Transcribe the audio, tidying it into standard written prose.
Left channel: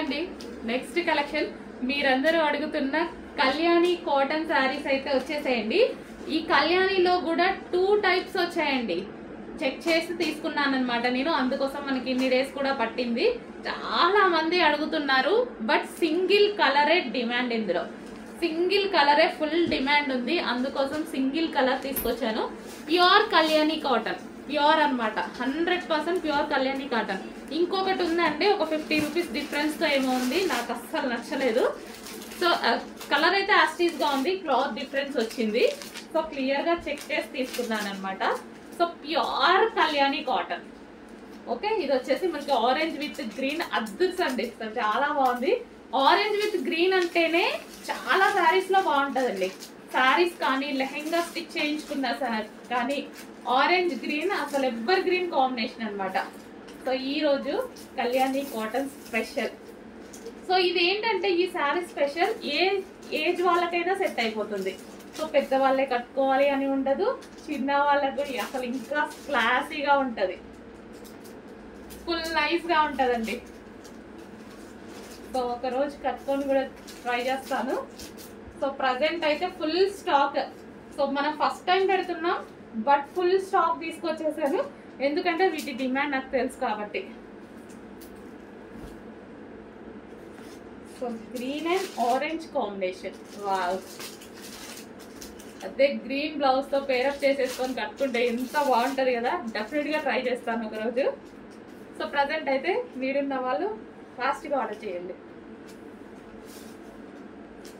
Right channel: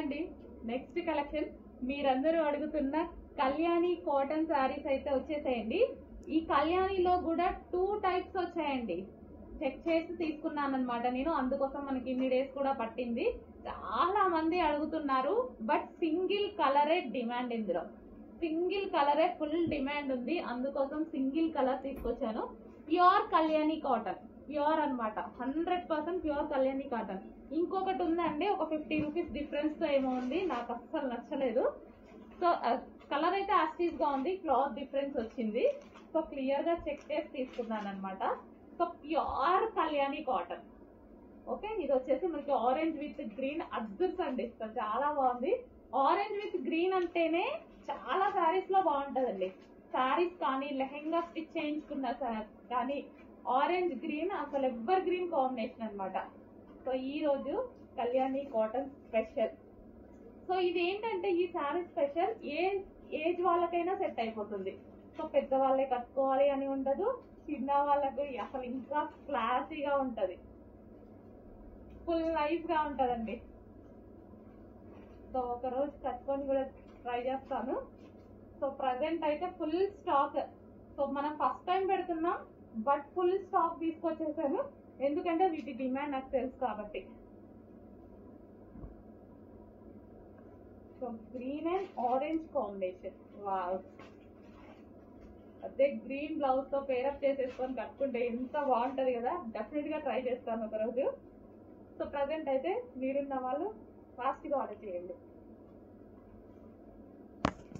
అండి. Next collection మీరందరూ అడుగుతున్న కళ్యాణి కాటన్ శారీస్ అయితే వచ్చేసాయండి. ఈ కళ్యాణిలో కూడా 2 టైప్స్ వచ్చాయండి. చెక్ చేసి తీసుకున్నాను అనమాట నేను, అందుకోసం మనకి ఇన్ని డేస్ కూడా పట్టింది. చాలా మంది అడుగుతున్నారు, బట్ సింగిల్ కలరే డిమాండ్. ఇందులో సింగిల్ కలరే ఫుల్ డిమాండ్ ఉంది, అందుకోసం సింగిల్ కలర్ తీసుకొచ్చాను. ప్యూర్ కళ్యాణి కాటన్, ప్యూర్ అనమాట, 100% ప్యూర్ కళ్యాణి కాటన్. ఇంకొకటి ఉందండి, ఒక 50 రూపీస్ డిఫరెన్స్తో ఏమో ఉంది, నాకు అస్సలు నచ్చలేదు. సో కలర్ అయితే యాస్టీస్గా ఉంది, క్లాత్ డిఫరెన్స్ వచ్చింది. సో క్లియర్గా చెక్ చేసి తీసుకున్నాను అనమాట. So pure Kalyani cotton. Okay, ఇది వచ్చేసి మనకి ఆరెంజ్ విత్ గ్రీన్ అద్దుర్స్ అండి, చాలా బాగుంది. ఆరెంజ్ విత్ గ్రీన్ అంటేనే చాలా శారీస్ లో బాగుంటుందండి. శారీస్ కానీ లెహెంగా స్టిచ్ చేయించుకున్న కానీ ఆరెంజ్ గ్రీన్ అసలు ఎవర్ గ్రీన్ కాంబినేషన్ అనమాట. సో ఈ రోజు కళ్యాణి కాటన్ స్పెషల్. సో ఇది ఏంటంటే ఈ శారీ స్పెషల్, ఏజ్ వాళ్ళకైనా సెట్ అయిపోతుంది. సో పెద్దవాళ్ళే కట్టుకోవాలి అని ఉండదు, చిన్న వాళ్ళకు అసలు ఇంకా క్లాసీగా ఉంటుంది, ఫుల్ నైస్గా ఉంటుందండి. సో ఒక రోజు కట్టుకొని కూడా ట్రై చేస్తాను. సో ప్రజెంట్ అయితే ఫుల్ స్టాక్. సో మనం ఫస్ట్ టైం పెడుతున్నాం, బట్ ఫుల్ స్టాక్ తీసుకొచ్చేసాను, ఎందుకంటే వీటి డిమాండ్ నాకు తెలుసు కాబట్టి. So green and orange combination, wow. అదే గ్రీన్ బ్లౌజ్ తో పేరప్ చేసేసుకొని కట్టుకుంటే ఎంత బాగుంటుంది కదా. డెఫినెట్గా ట్రై చేస్తాను ఒకరోజు. సో ప్రజెంట్ అయితే మీరున్న వాళ్ళు ఫాస్ట్గా ఆర్డర్ చేయండి.